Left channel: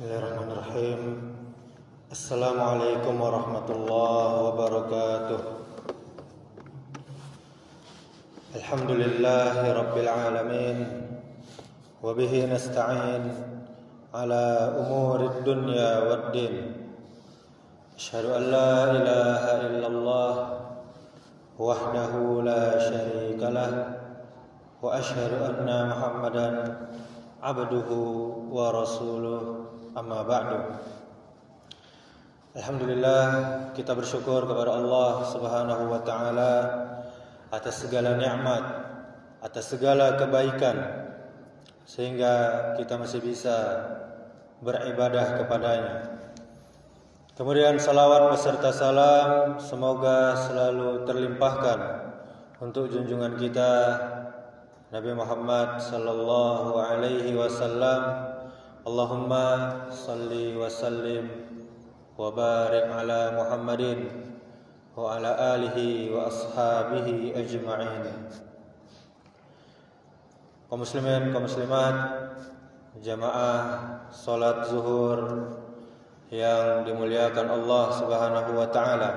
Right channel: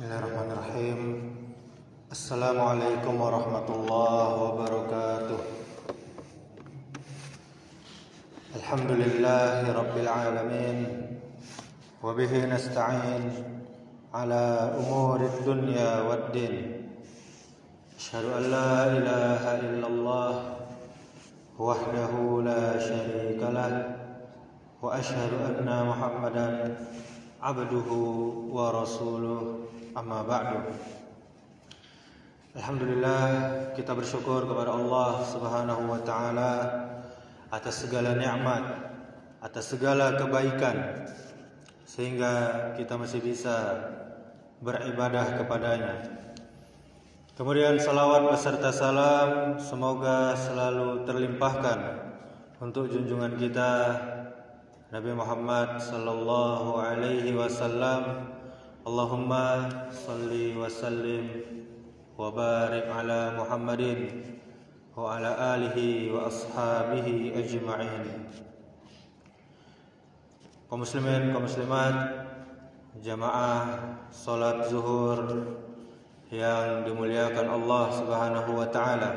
Bismillahirrahmanirrahim. Assalamualaikum warahmatullahi wabarakatuh. Alhamdulillahi rabbil alamin. Wa bihi nasta'in ala umurid dunya waddin. Asyhadu an la ilaha illallah wahdahu la syarika lah wa asyhadu anna Muhammadan abduhu wa rasuluh. Amma ba'du. Alhamdulillah, kita bersyukur kepada Allah Subhanahu wa taala atas segala nikmat, atas segala kebaikan sehingga kita masih bisa beribadah kepadanya. Kemudian salawat beserta salam semoga selalu terlimpahkan untuk junjungan kita Nabi Muhammad sallallahu alaihi wasallam. Allahumma salli wa sallim wa barik ala Muhammadin wa ala alihi wa ashabihi ajma'in. Kaum muslimin, kaum muslimat, jamaah salat zuhur yang dimuliakan Allah Subhanahu wa taala.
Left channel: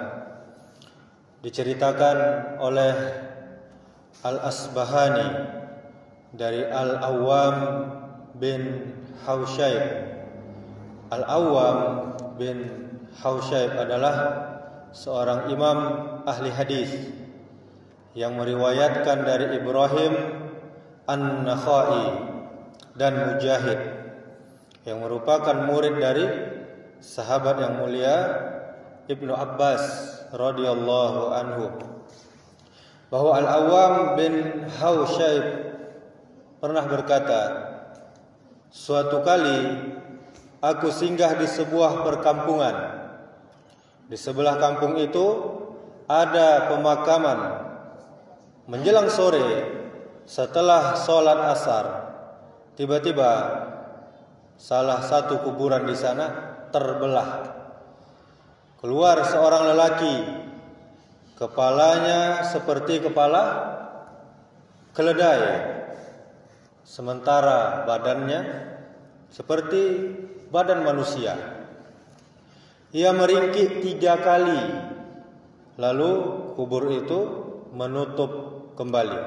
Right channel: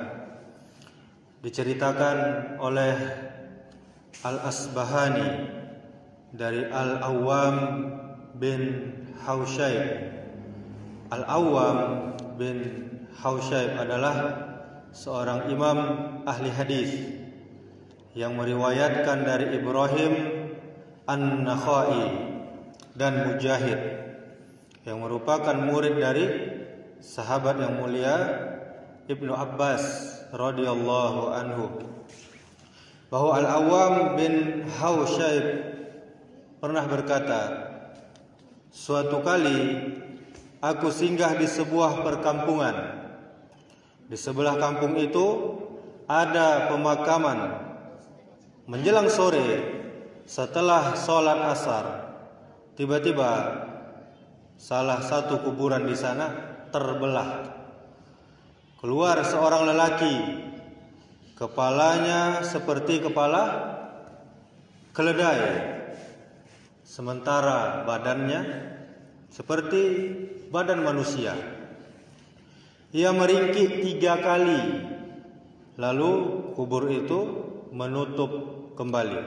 Diceritakan oleh Al-Asbahani dari Al-Awwam bin Hausyab. Al-Awwam bin Hausyab adalah seorang imam ahli hadis yang meriwayatkan dari Ibrahim An-Nakhai dan Mujahid yang merupakan murid dari sahabat yang mulia Ibnu Abbas radhiyallahu anhu, bahwa Al-Awwam bin Hausyab pernah berkata, suatu kali aku singgah di sebuah perkampungan. Di sebelah kampung itu ada pemakaman. Menjelang sore, setelah sholat asar, tiba-tiba salah satu kuburan di sana terbelah. Keluar seorang lelaki, kepalanya seperti kepala keledai, sementara badannya seperti badan manusia. Ia meringkik 3 kali, lalu kubur itu menutup kembali.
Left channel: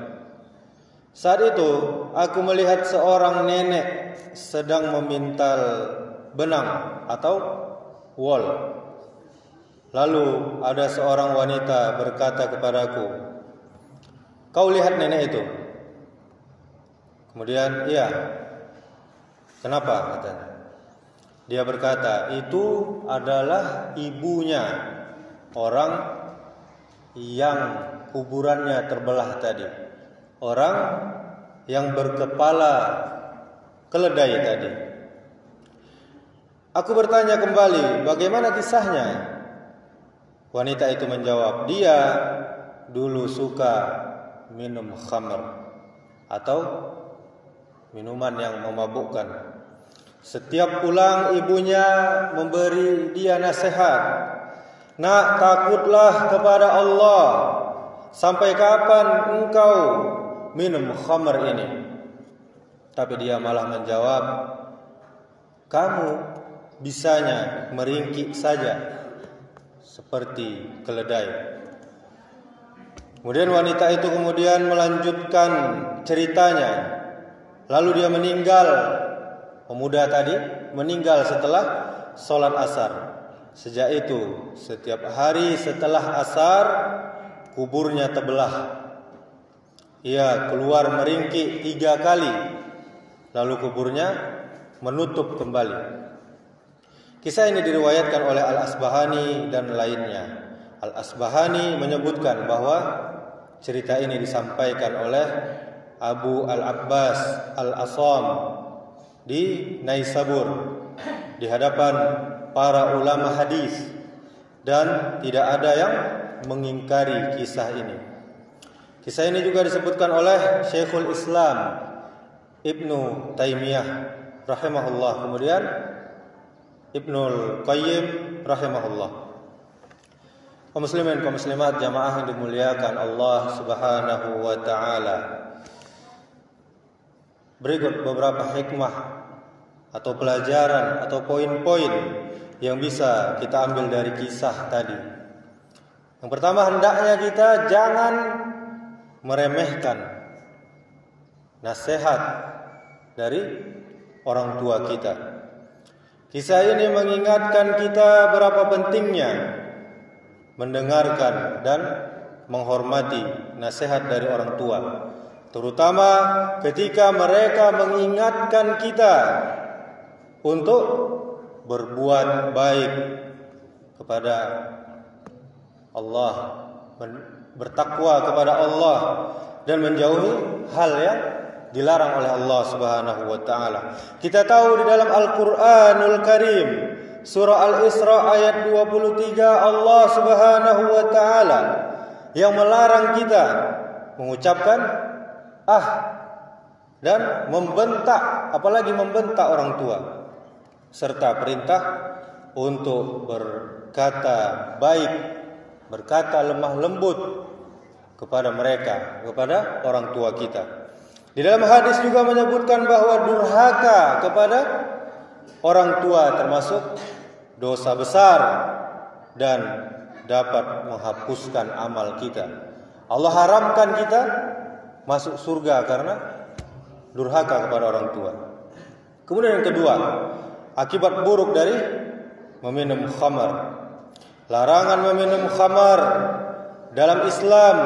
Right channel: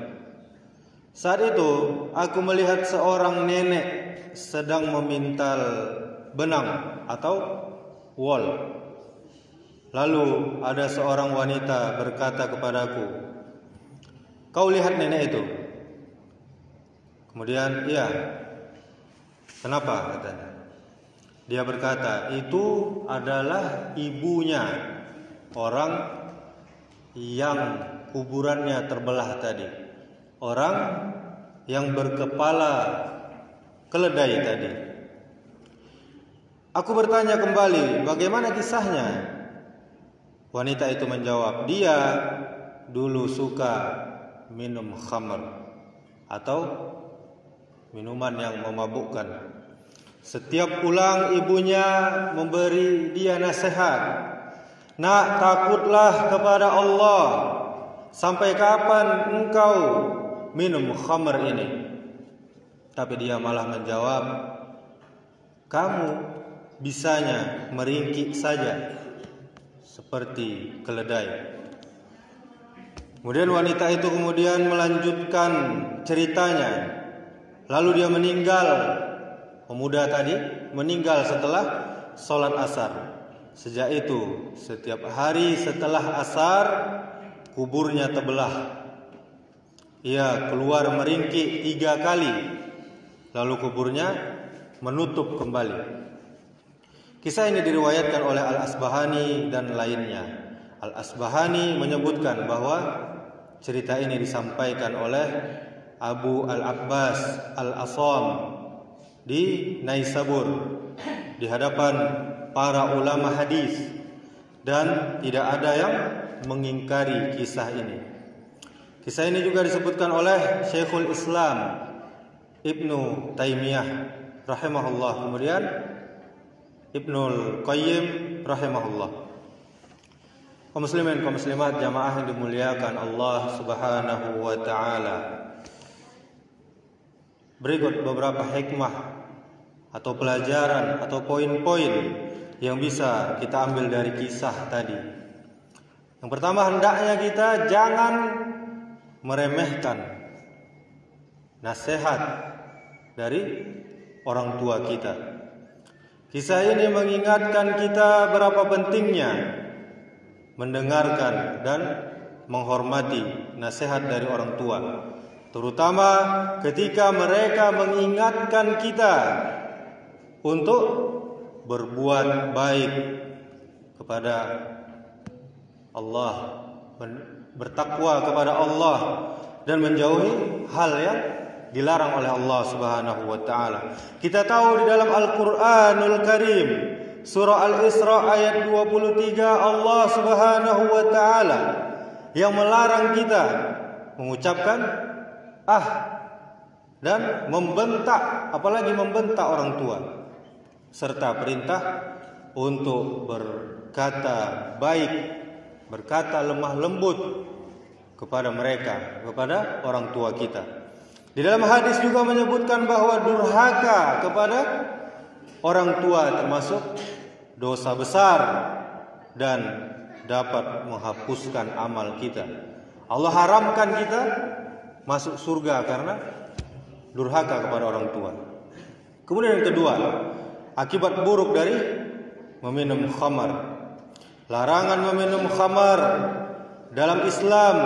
Saat itu aku melihat seorang nenek sedang memintal benang atau wol. Lalu ada seorang wanita berkata kepadaku, "Kau lihat nenek itu?" Kemudian, "Iya." "Kenapa?" katanya. Dia berkata, "Itu adalah ibunya orang yang kuburannya terbelah tadi, orang yang berkepala keledai tadi." Aku bertanya kembali, "Bagaimana kisahnya?" Wanita itu menjawab, "Dia dulu suka minum khamr atau minuman yang memabukkan. Setiap pulang ibunya memberi dia nasihat, 'Nak, takutlah kepada Allah. Sampai kapan engkau minum khamr ini?' Tapi dia malah menjawab, 'Kamu bisanya meringkik saja seperti keledai.'" Kemudian wanita itu melanjutkan ceritanya. Lalu dia meninggal, pemuda tadi meninggal setelah sholat asar. Sejak itu setiap hari setelah asar kuburnya terbelah. Ia keluar meringkik 3 kali, lalu kuburnya menutup kembali. Kisah ini diriwayatkan oleh Al-Asbahani dan lainnya. Al-Asbahani menyebutkan bahwa cerita ini disampaikan oleh Abu Al-Abbas Al-Asam di Naisabur di hadapan para ulama hadis, dan tidak ada yang mengingkari kisah ini. Kisah ini juga disebutkan oleh Syekhul Islam Ibnu Taimiyah rahimahullah, kemudian Ibnul Qayyim rahimahullah. Kaum muslimin, kaum muslimat, jamaah yang dimuliakan Allah Subhanahu wa taala. Berikut beberapa hikmah atau pelajaran atau poin-poin yang bisa kita ambil dari kisah tadi. Yang pertama, hendaknya kita jangan meremehkan nasihat dari orang tua kita. Kisah ini mengingatkan kita berapa pentingnya mendengarkan dan menghormati nasihat dari orang tua, terutama ketika mereka mengingatkan kita untuk berbuat baik kepada Allah, bertakwa kepada Allah, dan menjauhi hal yang dilarang oleh Allah Subhanahu wa taala. Kita tahu di dalam Al-Qur'anul Karim, surah Al-Isra ayat 23, Allah Subhanahu wa taala yang melarang kita mengucapkan dan membentak, apalagi membentak orang tua, serta perintah untuk berkata baik, berkata lemah lembut kepada mereka, kepada orang tua kita. Di dalam hadis juga menyebutkan bahwa durhaka kepada orang tua termasuk dosa besar dan dapat menghapuskan amal kita. Allah haramkan kita masuk surga karena durhaka kepada orang tua. Kemudian yang kedua, akibat buruk dari meminum khamar. Larangan meminum khamar dalam Islam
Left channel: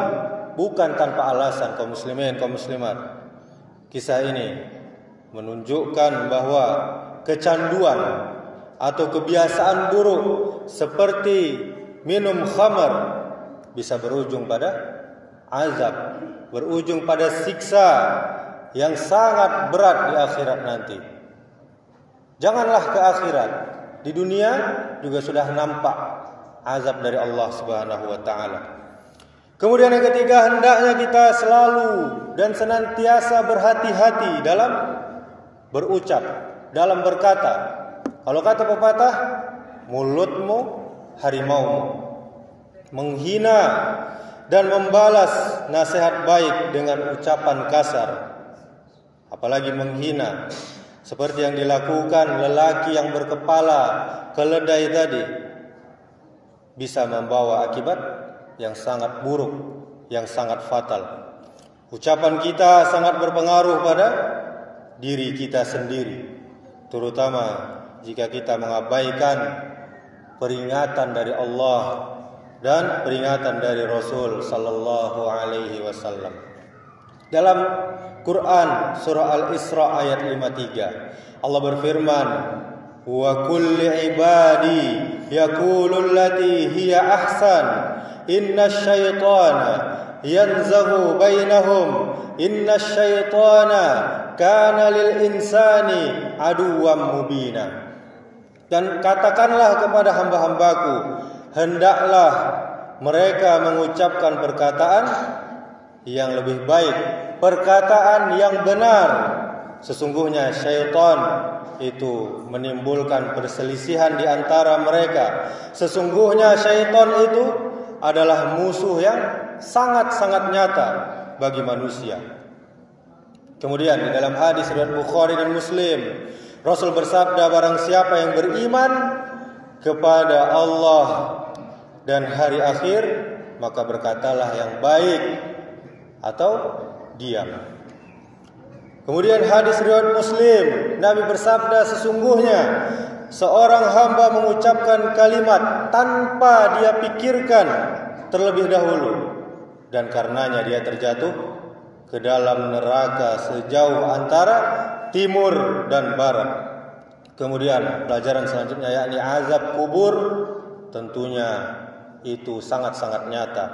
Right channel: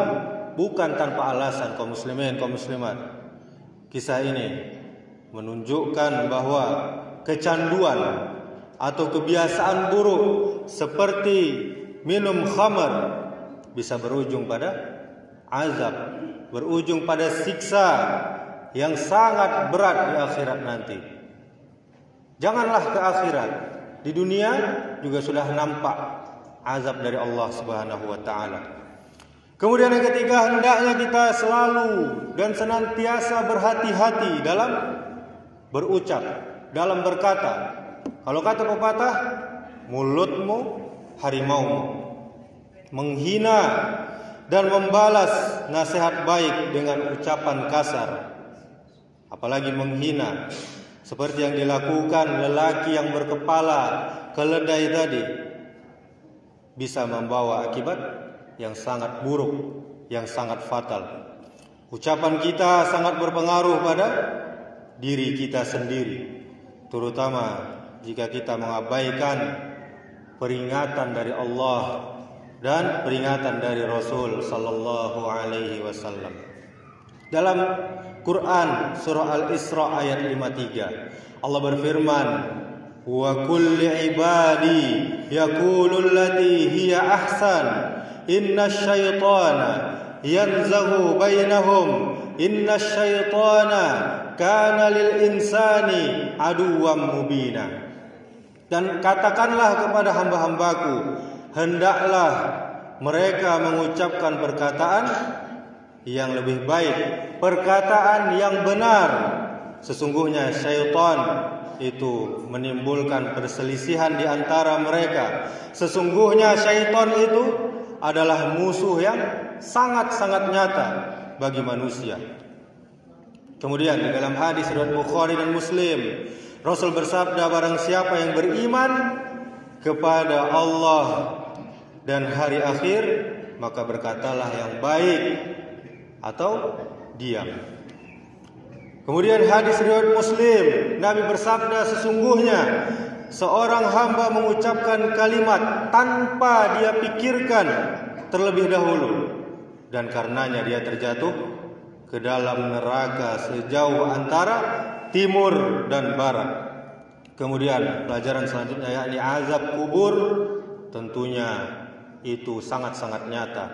bukan tanpa alasan, kaum muslimin, kaum muslimat. Kisah ini menunjukkan bahwa kecanduan atau kebiasaan buruk seperti minum khamar bisa berujung pada azab, berujung pada siksa yang sangat berat di akhirat nanti. Janganlah ke akhirat, di dunia juga sudah nampak azab dari Allah Subhanahu wa taala. Kemudian yang ketiga, hendaknya kita selalu dan senantiasa berhati-hati dalam berucap, dalam berkata. Kalau kata pepatah, mulutmu harimaumu. Menghina dan membalas nasihat baik dengan ucapan kasar, apalagi menghina, seperti yang dilakukan lelaki yang berkepala keledai tadi, bisa membawa akibat yang sangat buruk, yang sangat fatal. Ucapan kita sangat berpengaruh pada diri kita sendiri, terutama jika kita mengabaikan peringatan dari Allah dan peringatan dari Rasul sallallahu alaihi wasallam. Dalam Quran surah Al-Isra ayat 53, Allah berfirman, "Wa kulli ibadi yaqulu allati hiya ahsan, innash syaitana yanzaghu bainahum, innash syaitana kana lil insani aduwwan mubina." Dan katakanlah kepada hamba-hambaku, hendaklah mereka mengucapkan perkataan yang lebih baik, perkataan yang benar. Sesungguhnya syaitan itu menimbulkan perselisihan di antara mereka. Sesungguhnya syaitan itu adalah musuh yang sangat-sangat nyata bagi manusia. Kemudian di dalam hadis riwayat Bukhari dan Muslim, Rasul bersabda, barang siapa yang beriman kepada Allah dan hari akhir, maka berkatalah yang baik atau diam. Kemudian hadis riwayat Muslim, Nabi bersabda, sesungguhnya seorang hamba mengucapkan kalimat tanpa dia pikirkan terlebih dahulu, dan karenanya dia terjatuh ke dalam neraka sejauh antara timur dan barat. Kemudian pelajaran selanjutnya yakni azab kubur, tentunya itu sangat-sangat nyata.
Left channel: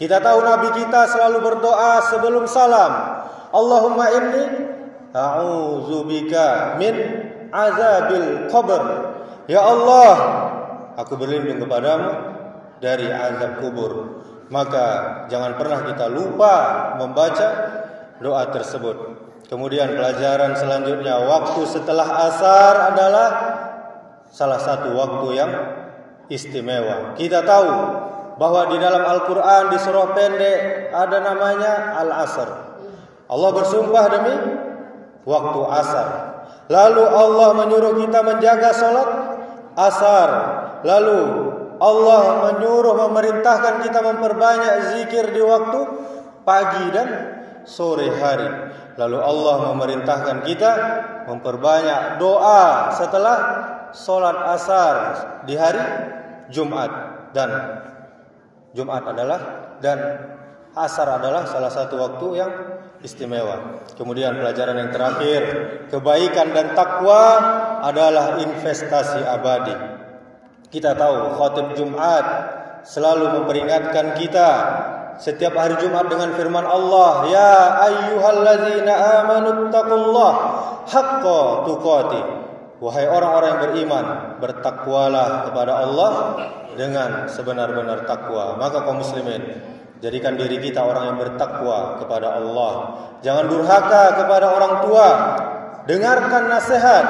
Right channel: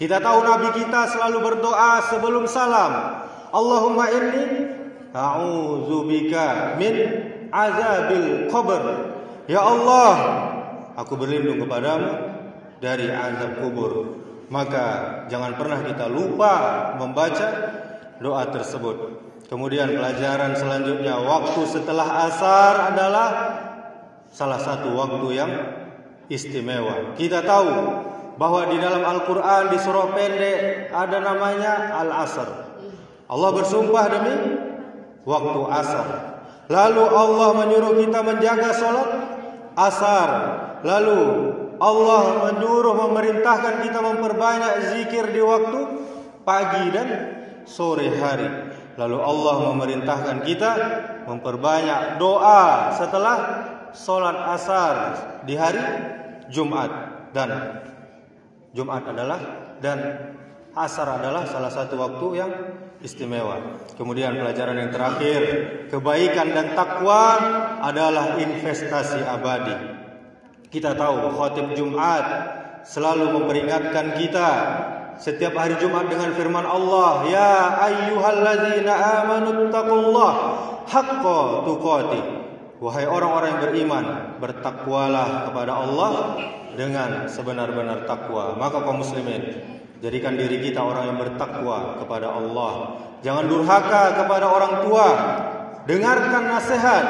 Kita tahu Nabi kita selalu berdoa sebelum salam, Allahumma inni a'udzubika min azabil qabr. Ya Allah, aku berlindung kepadamu dari azab kubur. Maka jangan pernah kita lupa membaca doa tersebut. Kemudian pelajaran selanjutnya, waktu setelah asar adalah salah satu waktu yang istimewa. Kita tahu bahwa di dalam Al-Quran di surah pendek ada namanya Al-Asr. Allah bersumpah demi waktu asar. Lalu Allah menyuruh kita menjaga salat asar. Lalu Allah memerintahkan kita memperbanyak zikir di waktu pagi dan sore hari. Lalu Allah memerintahkan kita memperbanyak doa setelah salat asar di hari Jumat, dan asar adalah salah satu waktu yang istimewa. Kemudian pelajaran yang terakhir, kebaikan dan takwa adalah investasi abadi. Kita tahu khatib Jumat selalu memperingatkan kita setiap hari Jumat dengan firman Allah, ya ayyuhallazina amanu taqullaha haqqa tuqatih. Wahai orang-orang yang beriman, bertakwalah kepada Allah dengan sebenar-benar takwa. Maka kaum muslimin, jadikan diri kita orang yang bertakwa kepada Allah. Jangan durhaka kepada orang tua. Dengarkan nasihat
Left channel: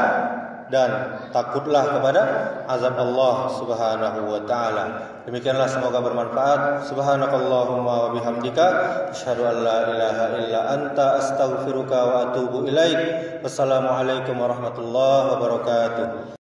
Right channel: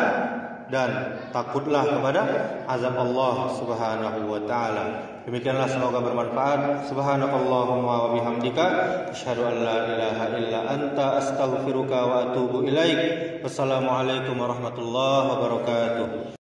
dan takutlah kepada azab Allah Subhanahu wa taala. Demikianlah, semoga bermanfaat. Subhanakallahumma wa bihamdika asyhadu an la ilaha illa anta astaghfiruka wa atubu ilaik. Wassalamualaikum warahmatullahi wabarakatuh.